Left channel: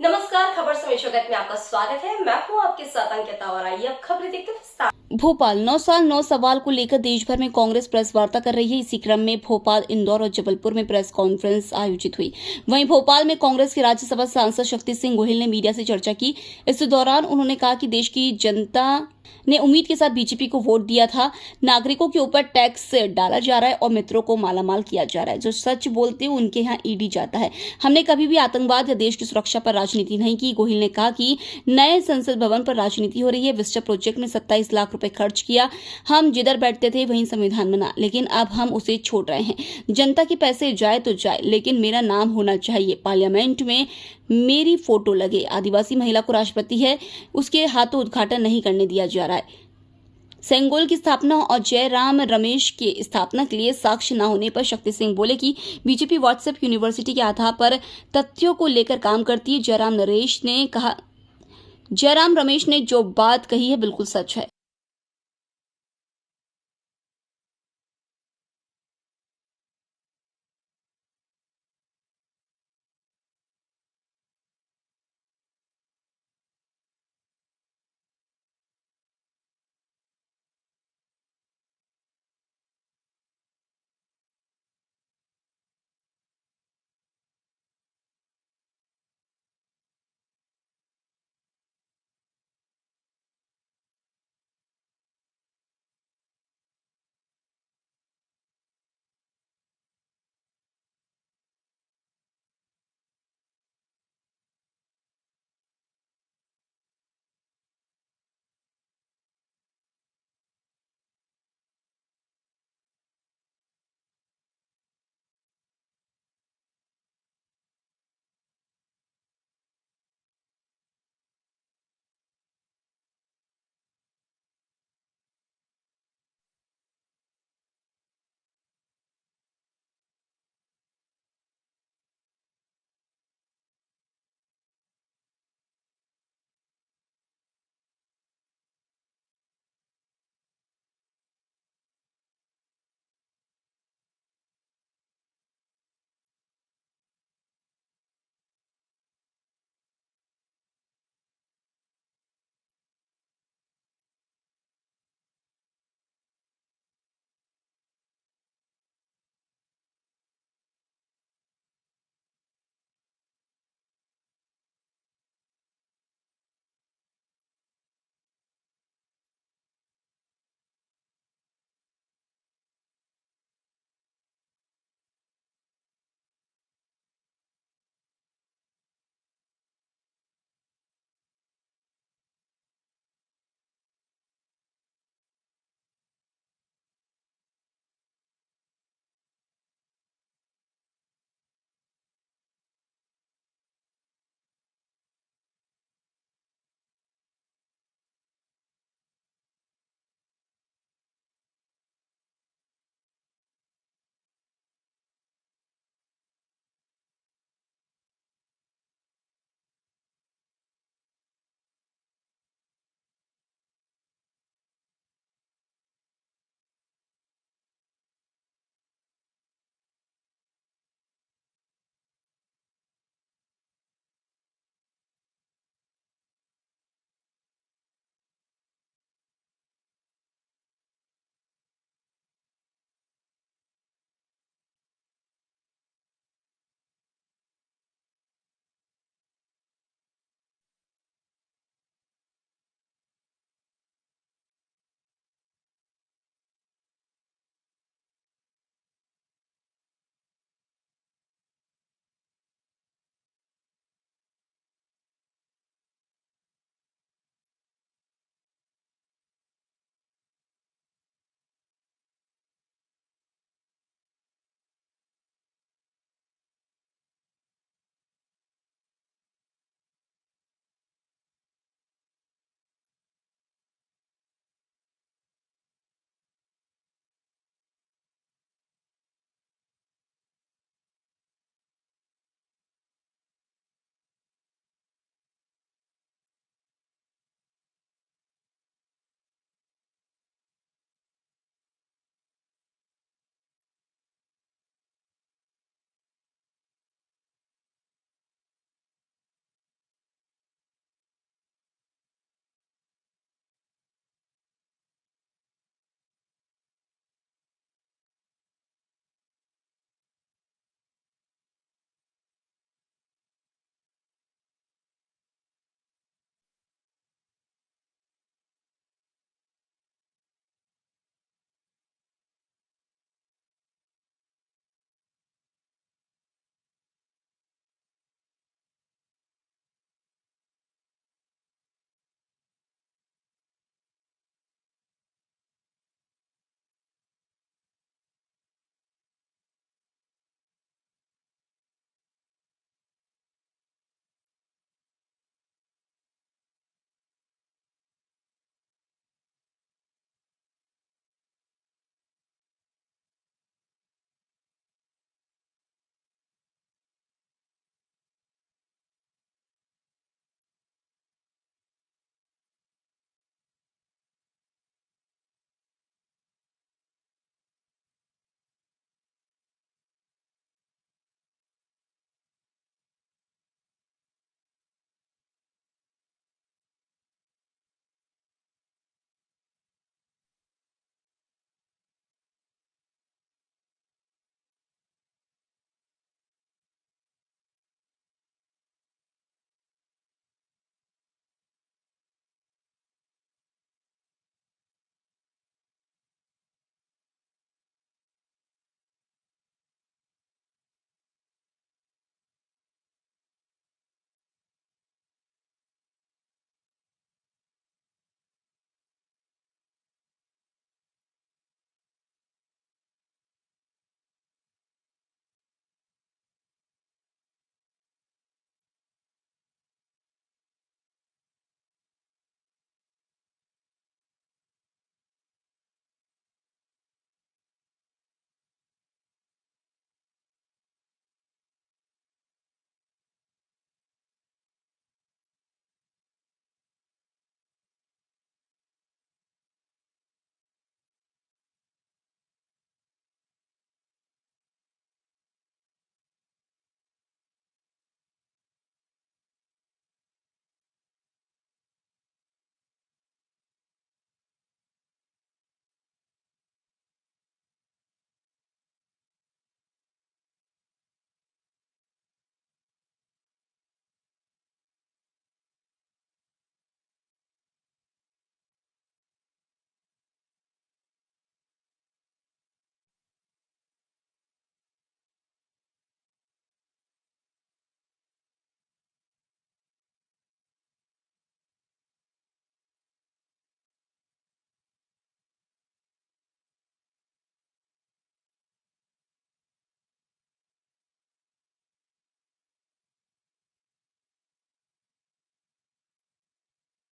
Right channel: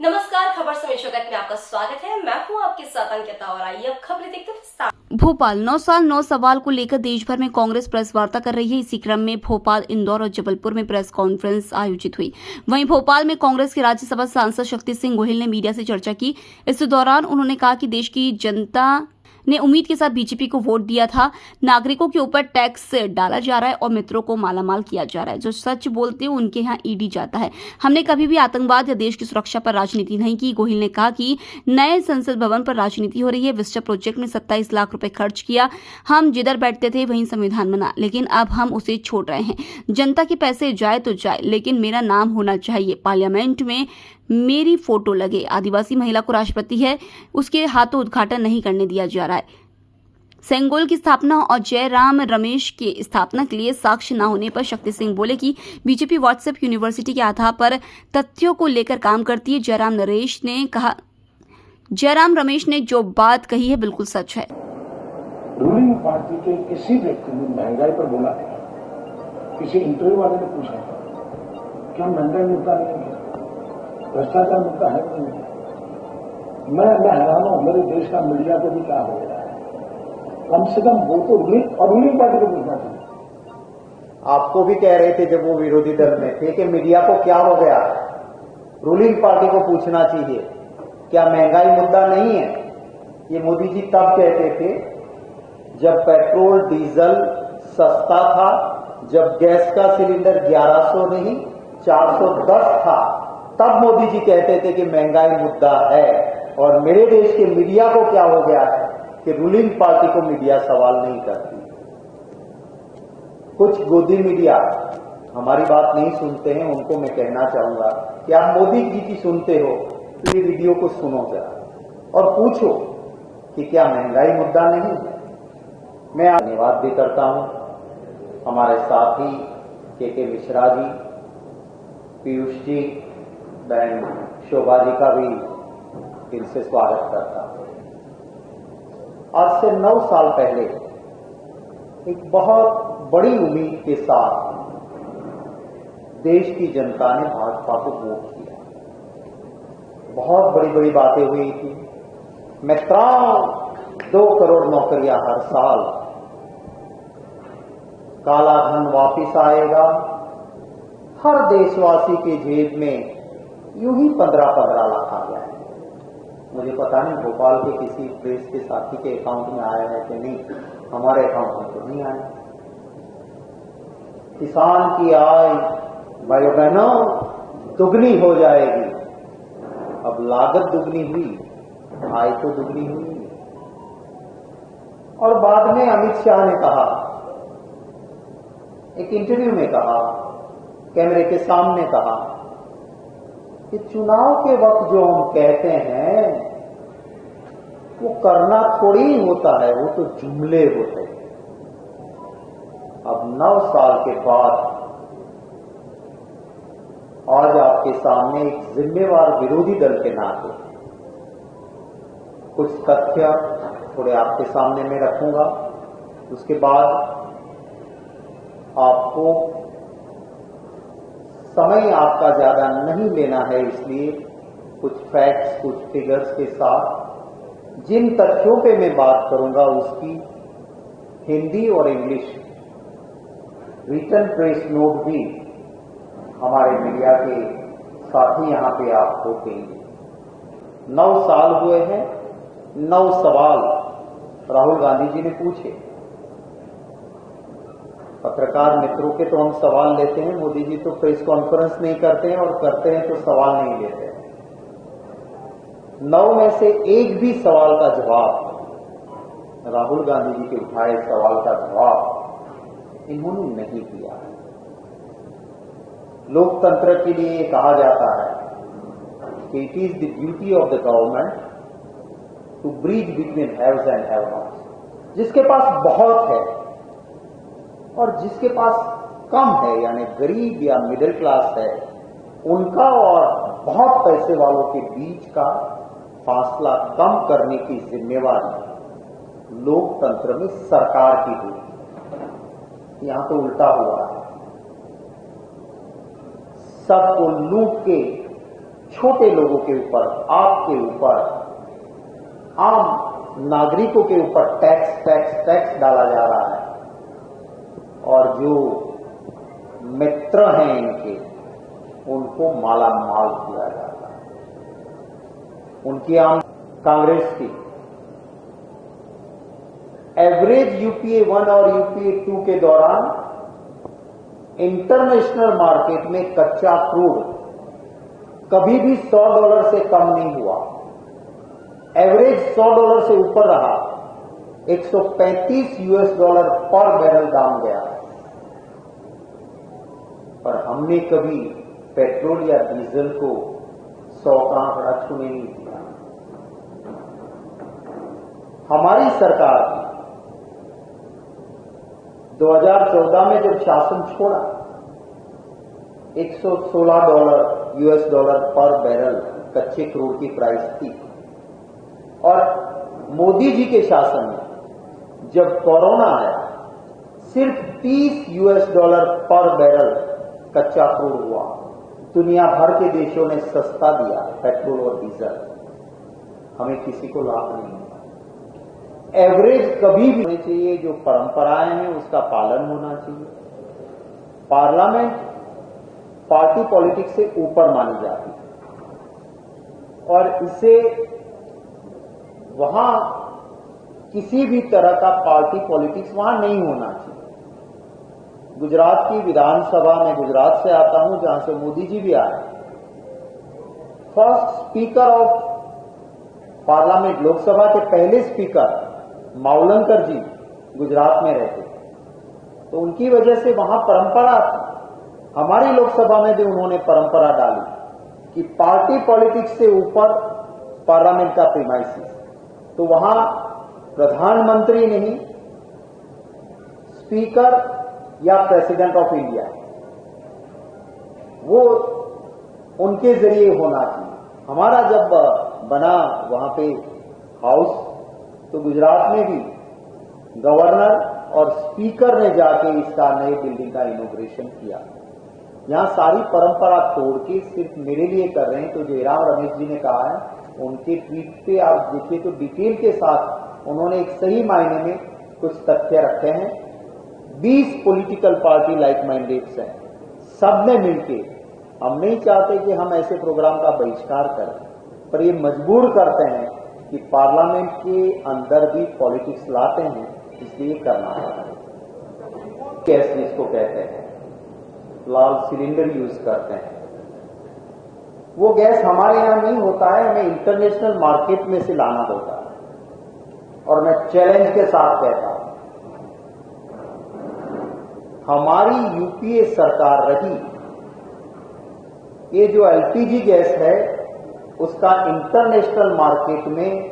नमस्कार, खबर समय जगत में आपका स्वागत है। मैं हूं आपके साथ अंकिता और आइए अब खबरें देखते हैं विस्तार। भोपाल 9 साल 9 सवाल को लेकर देश भर में कांग्रेस प्रेस वार्ता कर रही है। इसी क्रम में भोपाल, इंदौर और जबलपुर में प्रेस कॉन्फ्रेंस आयोजित हुई। वहीं भोपाल में कांग्रेस के राज्यसभा सांसद शक्ति सिंह गोहिल ने मीडिया से चर्चा की। इस दौरान उन्होंने कहा कि देश की जनता ने उम्मीद के साथ बीजेपी को वोट दिया था। नागरिकों के ऊपर टैक्स डाला जा रहा है और मित्रों को मालामाल किया जा रहा है। जो सच बोलते हैं उनके यहाँ ईडी जाता है। हमने कभी भी आतंकवाद या देश की सुरक्षा पर राजनीति नहीं की। गोहिल ने कहा कि नए संसद भवन पर राजनीति हो रही है। विस्टा प्रोजेक्ट में 27 लाख रुपए खर्च किया। हम जिधर बैठते थे वहीं संविधान बना, लेकिन अब हम उसे छोड़ रहे हैं। जनता के पैसे जाए तो जाए, लेकिन मेरा नाम होना चाहिए। पार्लियामेंट में मेरी फोटो लगे। आदिवासी महिला को राष्ट्रपति है, उसके हाथों उद्घाटन नहीं करने दिया जा रहा है। सेंगोल की स्थापना और जयराम रमेश के स्थापना के लिए साक्ष्य न होने पर शक्ति सिंह बोले कि बीजेपी व्हाट्सएप यूनिवर्सिटी के आधार पर तथ्यों को लेकर काम करती है। जयराम रमेश ने जो बात कही है बिल्कुल सच है। रूलिंग पार्टी के किसी व्यक्ति ने महंगाई पर बोला है, किसी इंटरव्यू वाले ने पूछा क्या महंगाई मुद्दा नहीं है, भ्रष्टाचार मुद्दा है कि नहीं। मैं हैरान हूं, मेरे देश का मीडिया को भी क्या हो गया है। कम से कम वो तो रूलिंग पार्टी को पूछना चाहिए। आपको भी कह रहे थे जब वो विरोधी दल में थे कि मीडिया को क्या हो गया, रूलिंग पार्टी को पूछना चाहिए क्या महंगाई मुद्दा नहीं है। ये मोदी जी तब कहते थे जब पेट्रोल डीजल सस्ता था, जब गैस का सिलेंडर 1100 नहीं 410 था, तब मोदी जी कहते थे कि महंगाई मुद्दा है। और मेरे देश के मीडिया को क्या हो गया है कि रूलिंग पार्टी को मीडिया सवाल नहीं करती। कुछ गोदी मीडिया हमारी बात नहीं सुनते हैं, उनको मैं कहना चाहूंगा कि आप मोदी जी की सुनते हो तो ये वीडियो को सुनो जरा और पूछो कि क्या महंगाई मुद्दा नहीं है। मैं धन्यवाद भी करता हूं हमारे साथी के मिश्रा जी, पीयूष जी, बहन शोभा जी का भी इनसे स्वागत करता हूं। आज से 9 साल पहले एक बहुत बड़ी उम्मीद के साथ देश की जनता ने भाजपा को वोट किया। बहुत बड़ी बड़ी बातें हुई थी। मैं 2 करोड़ नौकरियां हर साल, काला धन वापिस आएगा, हर देशवासी के जेब में यूं ही 15-15 लाख आ गया है। मुझे पता नहीं भोपाल के किसी प्रेस के साथी के अकाउंट में आया है कि नहीं, हमारे अकाउंट में तो नहीं आया। किसान की आय भाई बहनों दुगनी हो जाएगी। अब लागत दुगनी हुई, आय तो दुगनी हुई। और बाद में अमित शाह ने कहा, एक इंटरव्यू में कहा, कैमरे के सामने कहा कि चुनाव के वक्त जो हम कहते हैं वो करना थोड़ी होता है, वो तो जुमले होते हैं। अब 9 साल के बाद आज आपके सामने एक जिम्मेवार विरोधी दल के नाते कुछ तथ्य थोड़े आपके सामने मैं रखूंगा। उसके बाद आपको समय आपका ज्यादा नहीं लेना है, इसलिए कुछ फैक्ट्स, कुछ फिगर्स के साथ जिन तथ्यों पे मैं बात करूंगा उसकी हिंदी और इंग्लिश रिटन प्रेस नोट भी हमारे मीडिया के साथी यहां पे आपको देंगे। 9 साल हुए हैं, 9 सवाल राहुल गांधी जी ने पूछे। पत्रकार मित्रों के तो हम सवाल लेते हैं, मोदी जी तो प्रेस कॉन्फ्रेंस नहीं करते हैं, और करते हैं तो सवाल नहीं लेते हैं। 9 में से एक भी सवाल का जवाब, राहुल गांधी जी के उठाए सवाल का जवाब इन्होंने नहीं दिया। लोकतंत्र के लिए कहा जाता है कि it is the duty of the government to bridge between haves and have nots. जिसके पास बहुत है और जिसके पास कम है, यानी गरीब या मिडिल क्लास है, उनका और बहुत पैसे वालों के बीच का फासला कम करने की जिम्मेवारी लोकतंत्र में सरकार की हुई। यहां तो उल्टा हुआ है, सबको लूट के छोटे लोगों के ऊपर, आपके ऊपर, आम नागरिकों के ऊपर टैक्स डाला जा रहा है और जो मित्र हैं इनके उनको माला माल किया जाता है। उनकी आम कांग्रेस की एवरेज यूपीए 1 और यूपीए 2 के दौरान इंटरनेशनल मार्केट में कच्चा क्रूड कभी भी $100 से कम नहीं हुआ। एवरेज $100 से ऊपर रहा, $135 पर बैरल दाम गया। पर हमने कभी पेट्रोल या डीजल को 100 का आंकड़ा छूने नहीं दिया। हमारी सरकार 2014 में जब शासन छोड़ा, $116 पर बैरल कच्चे क्रूड की प्राइस थी और मोदी जी के शासन में जब कोरोना आया सिर्फ $30 पर बैरल कच्चा क्रूड हुआ। दुनिया भर के देशों ने सस्ता दिया पेट्रोल और डीजल, हमें किसी को लाभ नहीं हुआ। एवरेज कभी भी होनी चाहिए, जो परंपराएं हैं उसका पालन होना चाहिए। पार्लियामेंट पार्टी पॉलिटिक्स से ऊपर मानी जाती है और इसे वहां किसी भी तरह का पार्टी पॉलिटिक्स वहां नहीं होना चाहिए। गुजरात की विधानसभा में, गुजरात से आता हूं जहां से मोदी जी भी आए, first speaker of parliament, Lok Sabha के पहले स्पीकर मावलंकर जी गुजरात में रहते, तो उनकी वजह से वहां परंपरा थी। हमारी लोकसभा में भी उन्होंने परंपरा डाली कि पार्टी पॉलिटिक्स से ऊपर पार्लियामेंट का प्रीमाइसिस, तो वहां प्रधानमंत्री नहीं, स्पीकर या प्रेसिडेंट ऑफ इंडिया, वो उनके जरिए होना चाहिए। हमारा जब बना वहां पे हाउस, तो गुजरात में भी गवर्नर और स्पीकर ने जाके इसका नए बिल्डिंग का इनॉग्रेशन किया। यहां सारी परंपरा तोड़ के सिर्फ मेरे लिए कर रहे हैं। तो जयराम रमेश जी ने कहा है, उनके ट्वीट पे आप देखिए तो डिटेल के साथ उन्होंने एक सही मायने में कुछ तथ्य रखे हैं। 20 पॉलिटिकल पार्टी लाइक माइंडेड्स हैं, सब ने मिलके, हम नहीं चाहते कि हम ऐसे प्रोग्राम का बहिष्कार करें, पर ये मजबूर करते हैं कि पार्लियामेंट के अंदर भी पॉलिटिक्स लाते हैं, इसलिए करना है। गैस जिसको कहते हैं, लाल सिलेंडर यूज करते हैं, वो गैस हमारे यहां नहीं होता है, हमें इंटरनेशनल मार्केट में से लाना होता है। और मैं चैलेंज के साथ कहता हूं, हमारी यूपीए सरकार रही, ये जो एलपीजी गैस है उसका इंटरनेशनल मार्केट में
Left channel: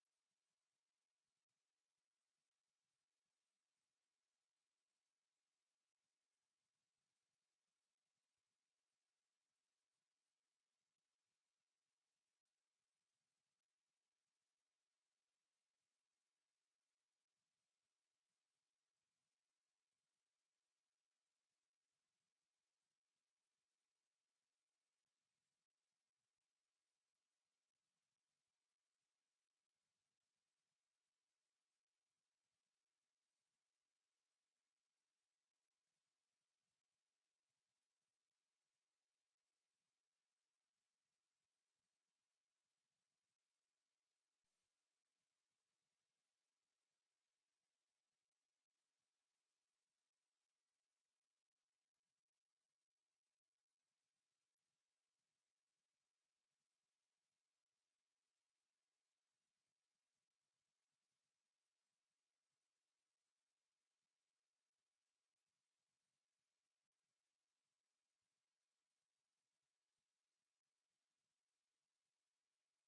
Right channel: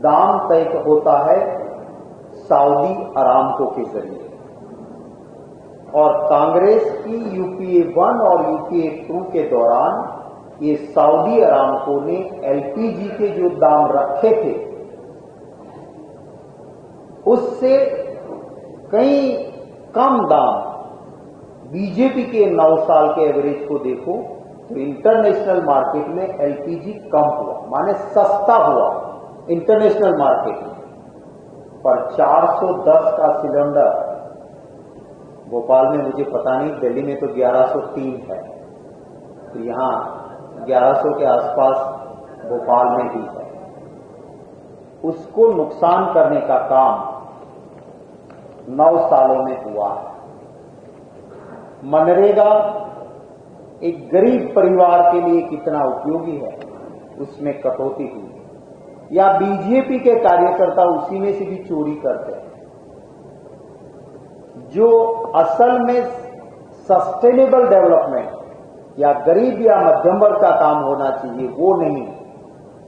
दाम तय होता है सऊदी अरामको के जरिए, और कांग्रेस की यूपीए 1 और यूपीए 2 के दौरान ये सऊदी अरामको ने एलपीजी के जो दाम रखे थे उससे कई कम दाम, बीजेपी के 9 साल के एवरेज को देखो तो इंटरनेशनल मार्केट में एलपीजी कम हुआ, माने सस्ता हुआ इंटरनेशनल मार्केट में। पर 410 का सिलेंडर भोपाल में, मुझे पता नहीं, दिल्ली में तो 1103 है, तो यहां 1100 के आसपास भोपाल में भी है। उसको नुकसान करने का काम 9 सालों में हुआ है। मनरेगा एक गरीब परिवार के लिए कितना उपयोगी है, उसमें कटौती हुई, या बीजेपी के कार्यकर्ता उसी में से भी चोरी करते हैं। जो असल में सस्टेनेबल डेवलपमेंट या गरीब या मध्यम वर्ग का काम होना चाहिए वो नहीं,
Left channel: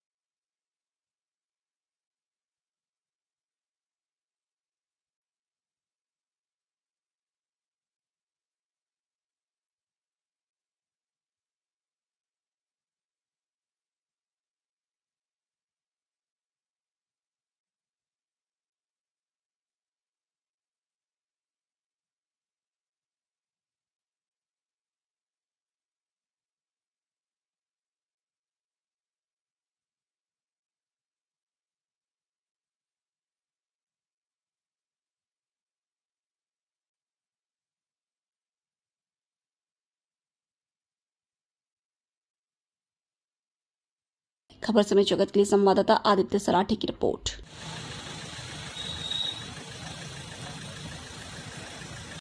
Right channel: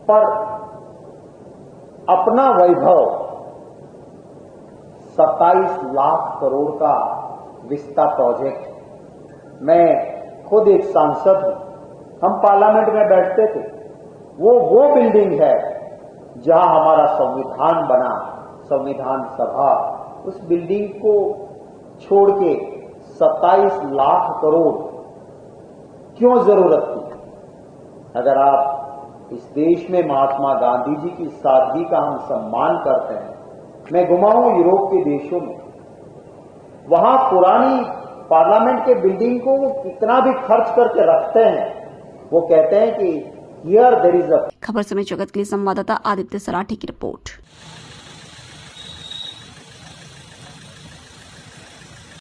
पर अपना वैभव 27 लाख करोड़ का विस्ता प्रोजेक्ट, मैं खुद एक सांसद हूं, हम पार्लियामेंट में बैठते थे, वो बिल्डिंग है जहां हमारा संविधान बना, संविधान सभा, उस बिल्डिंग को छोड़ के 27 लाख करोड़ क्यों जरूरत थी? अगर आप इस देश में महात्मा गांधी जी की सादगी का हम सम्मान करते हैं, मैं घुमाऊं यूरोप के देशों में, वहां पुरानी पार्लियामेंट के बिल्डिंग को वो कितना भी खर्च करके रखते हैं, वो कहते हैं कि हियर देयर इज अ। खबर समय जगत के लिए संवाददाता आदित्य सराठी की रिपोर्ट।